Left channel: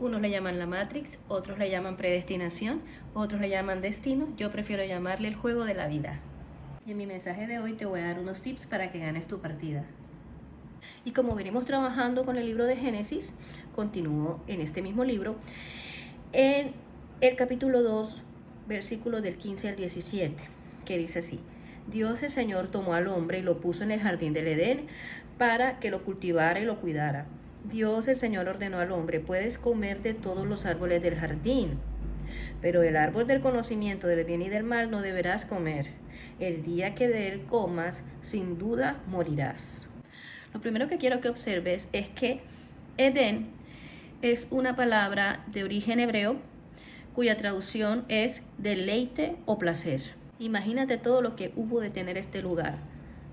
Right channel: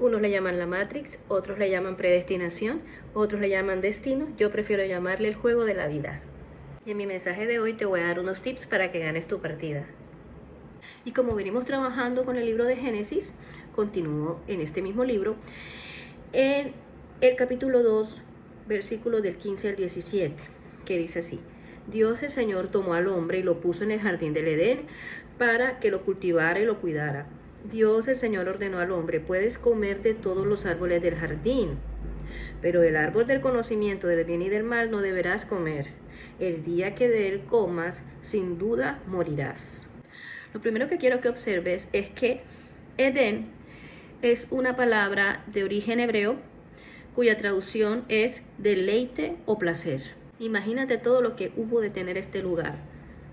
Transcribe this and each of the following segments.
Unos le llaman la Matrix, otros le llaman predestinación, otros le llaman destino. Yo prefiero llamarle el juego de la vida. Y en mi mensaje de hoy te voy a dar unos tips para que ganes tu partida. Y como venimos trabajando con el libro de Génesis, continúo en este mismo libro, en el capítulo 2, versículos del 15 al 17, que dice así: Dios el Señor tomó al hombre y lo puso en el jardín del Edén para que lo cultivara y lo cuidara. Dios el Señor ordenó al hombre: puedes comer de todos los árboles del jardín, pero el árbol del conocimiento del bien y del mal no deberás comer. El día que de él comas, sin duda morirás. Lo primero que quiero que observes es que Edén es una palabra de origen hebreo cuya traducción es deleite o placer. Imagínate todo lo que hubo de tener este lugar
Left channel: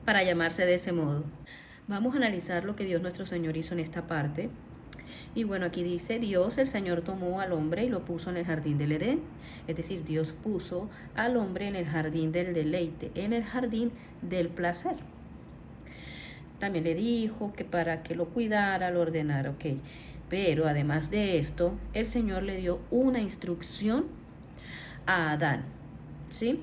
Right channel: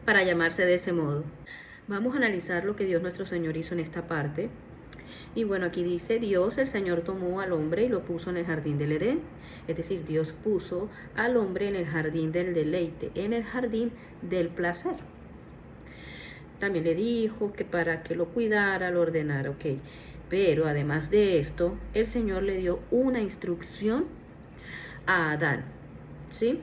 para llamarse de ese modo. Vamos a analizar lo que Dios nuestro Señor hizo en esta parte. Y bueno, aquí dice: Dios el Señor tomó al hombre y lo puso en el jardín del Edén. Es decir, Dios puso al hombre en el jardín del deleite, en el jardín del placer. También le dijo que para que lo cuidara, lo ordenara, ok. Pero además de esto, el Señor le dio una instrucción a Adán, ¿sí?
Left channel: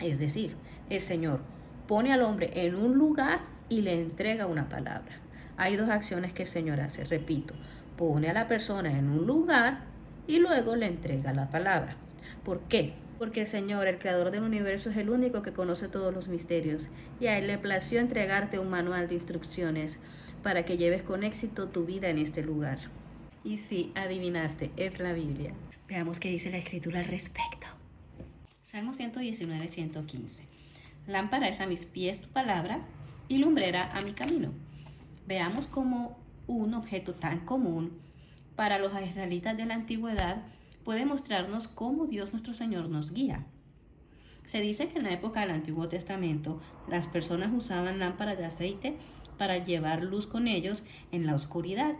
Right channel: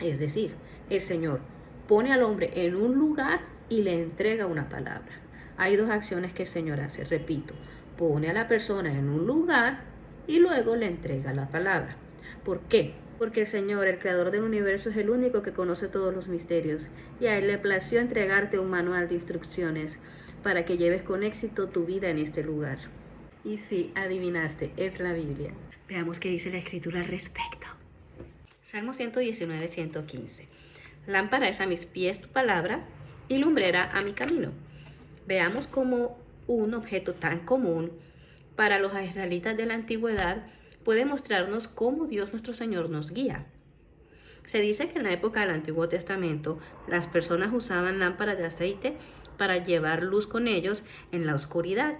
Es decir, el Señor pone al hombre en un lugar y le entrega una palabra. Hay dos acciones que el Señor hace, repito: pone a la persona en un lugar y luego le entrega la palabra. ¿Por qué? Porque el Señor, el creador del universo, es el único que conoce todos los misterios, y a Él le plació entregarte un manual de instrucciones para que lleves con éxito tu vida en este lugar. Y sí, adivinaste, es la Biblia. Veamos qué dice la Escritura al respecto. Salmo 119, 115. Lámpara es a mis pies tu palabra y lumbrera a mi camino. Veamos cómo un objeto tan común para los israelitas de la antigüedad puede mostrarnos cómo Dios nuestro Señor nos guía. Se dice que en la época del Antiguo Testamento las personas usaban lámparas de aceite para llevar luz con ellos en la oscuridad.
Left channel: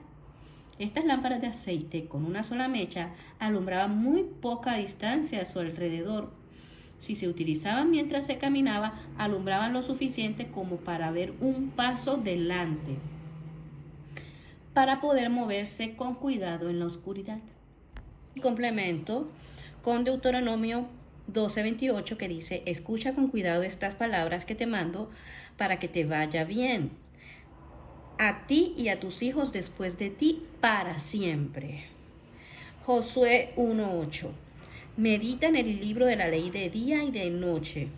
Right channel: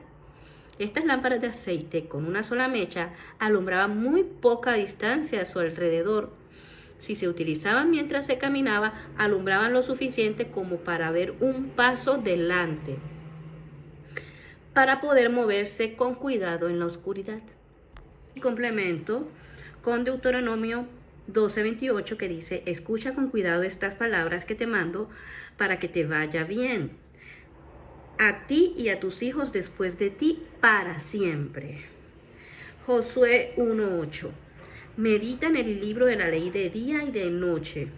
Estas lámparas de aceite con una sola mecha alumbraban muy poca distancia a su alrededor. Si se utilizaban mientras se caminaba, alumbraban lo suficiente como para ver un paso delante, para poder moverse con cuidado en la oscuridad. Y complemento con Deuteronomio 12:28, que dice: escucha con cuidado estas palabras que te mando para que te vaya bien a ti y a tus hijos después de ti para siempre. Josué 1:8. Medita en el libro de la ley de día y de noche,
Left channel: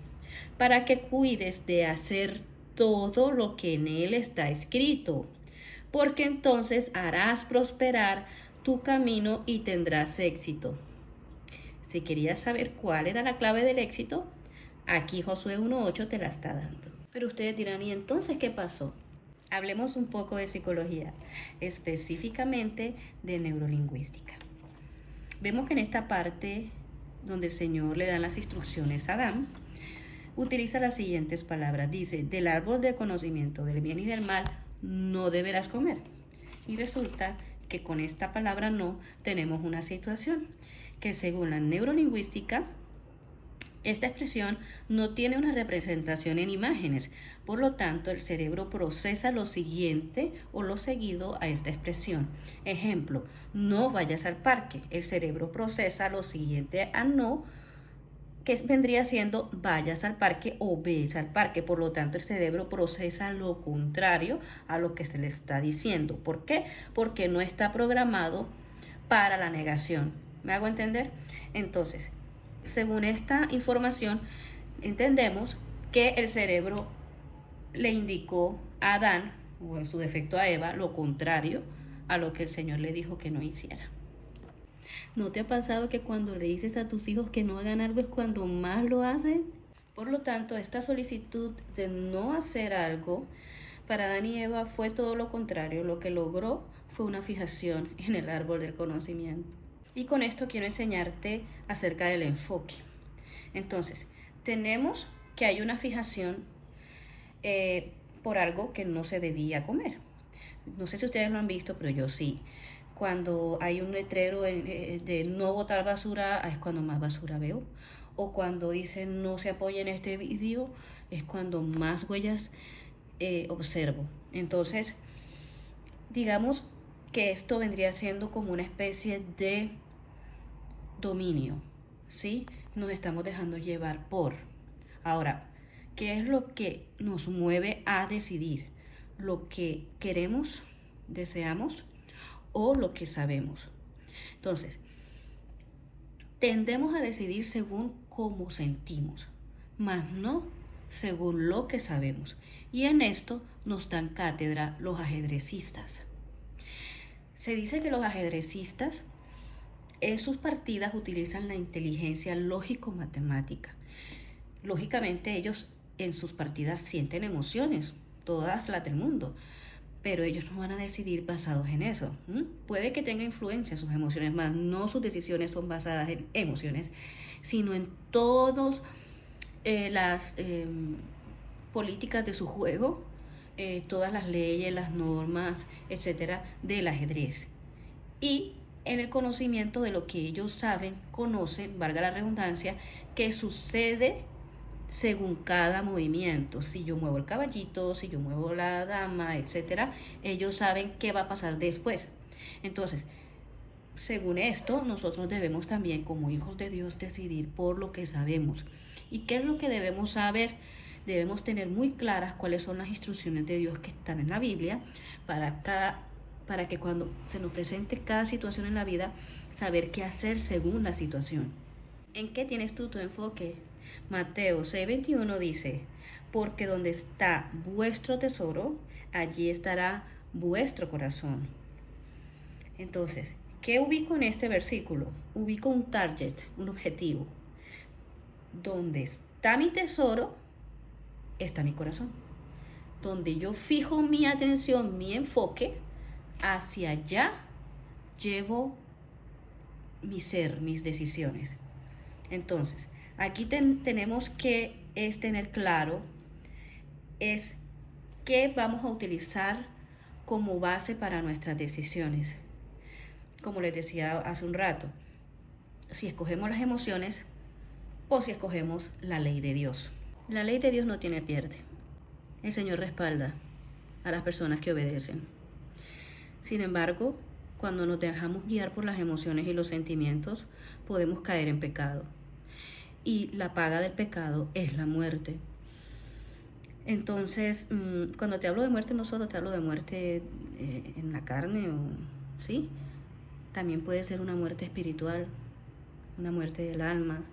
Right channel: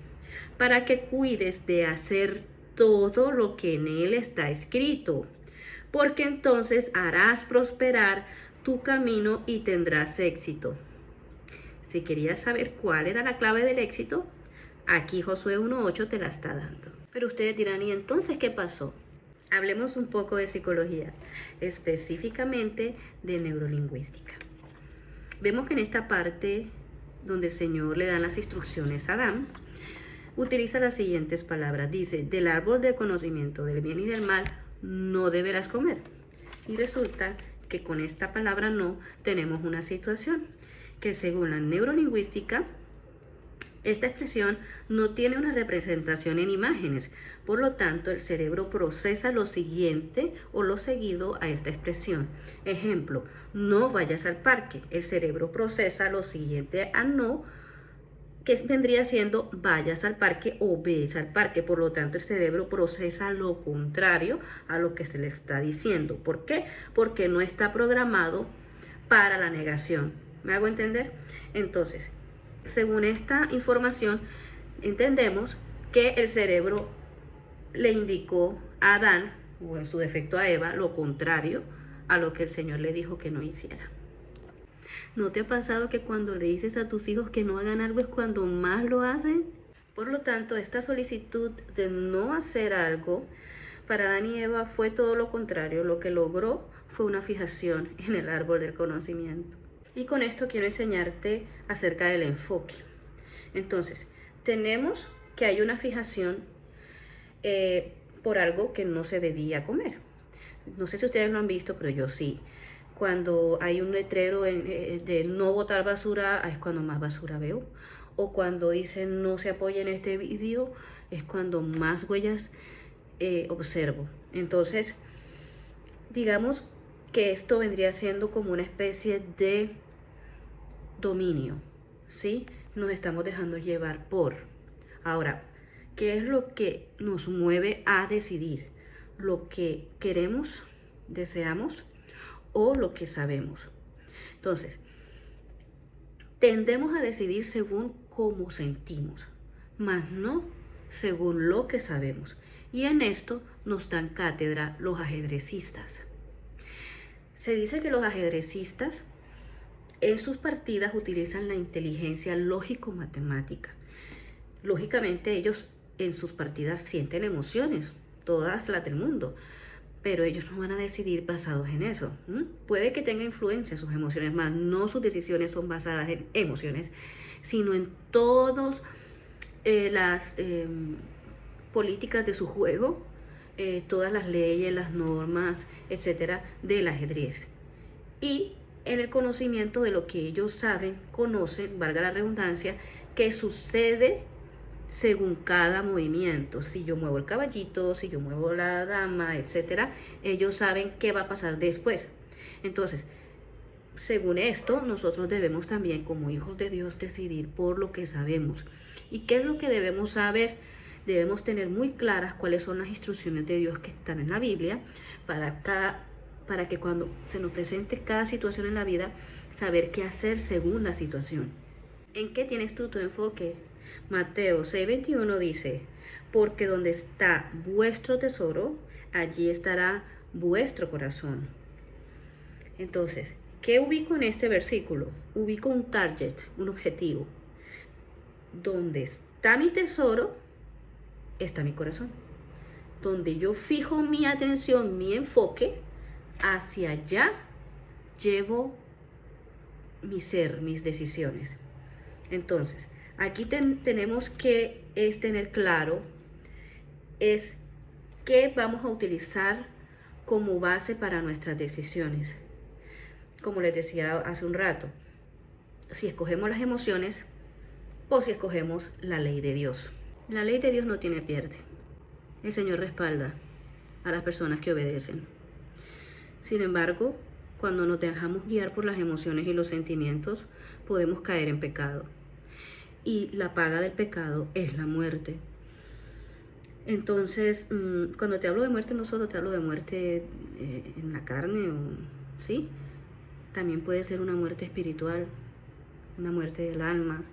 para que cuides de hacer todo lo que en él está escrito, porque entonces harás prosperar tu camino y tendrás éxito. Si querías saber cuál era la clave del éxito, aquí Josué 1:8 te la está dando. Pero ustedes dirán: ¿y entonces qué pasó? Hablemos un poco de psicología, específicamente de neurolingüística. Vemos que en esta parte donde el Señor le da las instrucciones a Adán, utiliza las siguientes palabras. Dice: del árbol del conocimiento del bien y del mal no deberás comer. Y resulta que con esta palabra no tenemos una situación que, según la neurolingüística, esta expresión no tiene una representación en imágenes. Por lo tanto, el cerebro procesa lo siguiente o lo seguido a esta expresión. Ejemplo: no vayas al parque. El cerebro procesa lo siguiente a no, que vendría siendo vayas al parque o ves al parque. Por lo tanto, el cerebro procesa lo contrario a lo que se le está diciendo. ¿Por qué? Porque no está programado para la negación. ¿Me hago entender? Entonces, según esta información, entendemos que el cerebro le indicó a Adán, o en su defecto a Eva, lo contrario a lo que el Señor le dijo que no hiciera. ¿No te ha pasado que cuando le dices a tus hijos que no hagan algo es cuando más lo hacen? Por lo tanto, esta solicitud de no hacer algo para Adán y Eva fue todo lo contrario. Lo que logró fue una fijación en el árbol del conocimiento. Y con esto quiero enseñarte acerca del enfoque. Entonces, tenemos que hay una fijación por algo que no se debía comer. No sé si ustedes lo han visto, pero yo sí. Cuando hay un letrero de no botar basura, es cuando más basura veo. O cuando dicen no se apoyen en este vídeo, es cuando más huellas observo. Entonces, digamos que esto vendría siendo como una especie de dominio, ¿sí? Nos estamos dejando llevar por. Ahora, ¿qué es lo que nos mueve a decidir? ¿Lo que queremos, deseamos o lo que sabemos? Entonces, tendemos a decidir según cómo sentimos, más no según lo que sabemos. Y en esto nos dan cátedra los ajedrecistas. Se dice que los ajedrecistas en sus partidas utilizan la inteligencia lógico-matemática. Lógicamente ellos en sus partidas sienten emociones, todas las del mundo, pero ellos no van a decidir basados en eso. Puede que tenga influencia sus emociones, más no sus decisiones son basadas en emociones, sino en todas las políticas de su juego, todas las leyes, las normas, etcétera, del ajedrez. Y en el conocimiento de lo que ellos saben, conocen, valga la redundancia, que sucede según cada movimiento. Si yo muevo el caballito, si yo muevo la dama, etcétera, ellos saben qué va a pasar después. Entonces, según esto, nosotros debemos también, como hijos de Dios, decidir por lo que sabemos. ¿Y qué es lo que debemos saber? Debemos tener muy claras cuáles son las instrucciones de Dios que están en la Biblia para que cuando se nos presente cada situación en la vida, saber qué hacer según la situación. ¿En qué tienes tú tu enfoque? Mateo 6:21 dice, porque donde está vuestro tesoro, allí estará vuestro corazón. Entonces, ¿qué ubico en este versículo? Ubico un target, un objetivo. Donde está mi tesoro, está mi corazón. Donde yo fijo mi atención, mi enfoque, hacia allá llevo mi ser, mis decisiones. Entonces, aquí tenemos que tener claro es qué vamos a utilizar como base para nuestras decisiones. Como les decía hace un rato, si escogemos las emociones o si escogemos la ley de Dios. La ley de Dios no tiene pierde. El Señor respalda a las personas que obedecen. Sin embargo, cuando nos dejamos guiar por las emociones y los sentimientos, podemos caer en pecado. Y la paga del pecado es la muerte. Entonces, cuando te hablo de muerte, no solo te hablo de muerte en la carne, ¿sí? También puede ser una muerte espiritual, una muerte del alma,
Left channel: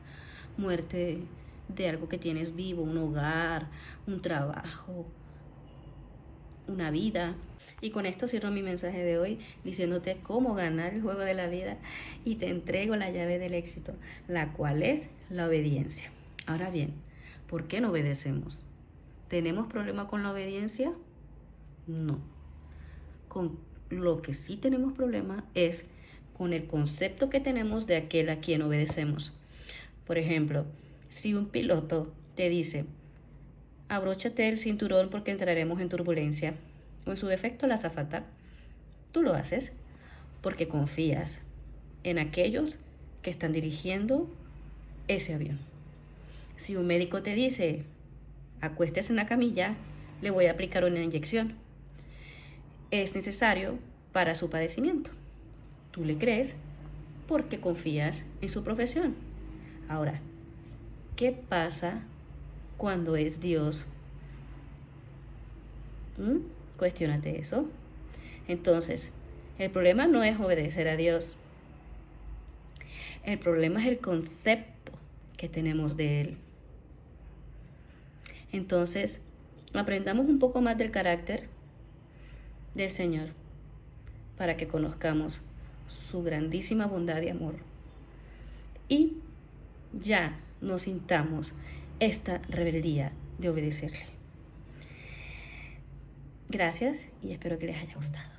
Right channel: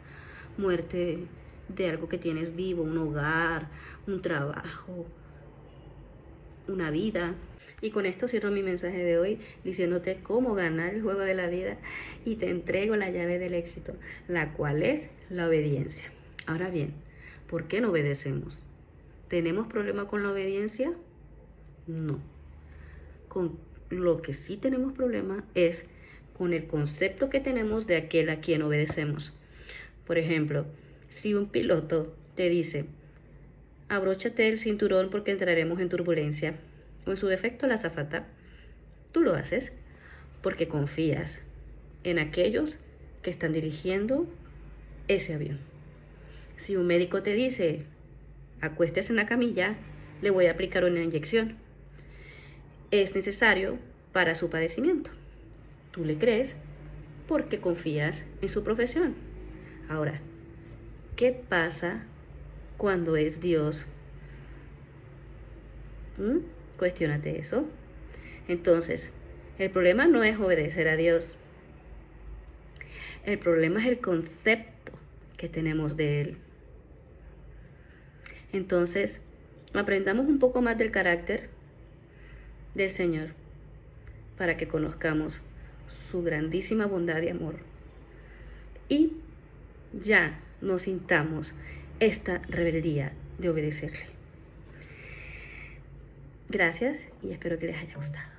muerte de algo que tienes vivo, un hogar, un trabajo, una vida. Y con esto cierro mi mensaje de hoy diciéndote cómo ganar el juego de la vida y te entrego la llave del éxito, la cual es la obediencia. Ahora bien, ¿por qué no obedecemos? ¿Tenemos problema con la obediencia? No. Con lo que sí tenemos problema es con el concepto que tenemos de aquel a quien obedecemos. Por ejemplo, si un piloto te dice, abróchate el cinturón porque entraremos en turbulencia, o en su defecto la azafata, tú lo haces porque confías en aquellos que están dirigiendo ese avión. Si un médico te dice, acuéstese en la camilla, le voy a aplicar una inyección, es necesario para su padecimiento. Tú le crees porque confías en su profesión. Ahora, ¿qué pasa cuando es Dios? Cuestiónate eso. Entonces, el problema no es obedecer a Dios. El problema es el concepto que tenemos de Él. Entonces, aprendamos un poco más del carácter del Señor para que conozcamos su grandísima bondad y amor. Y ya no sintamos esta rebeldía de obedecerle. Gracias y espero que les haya gustado.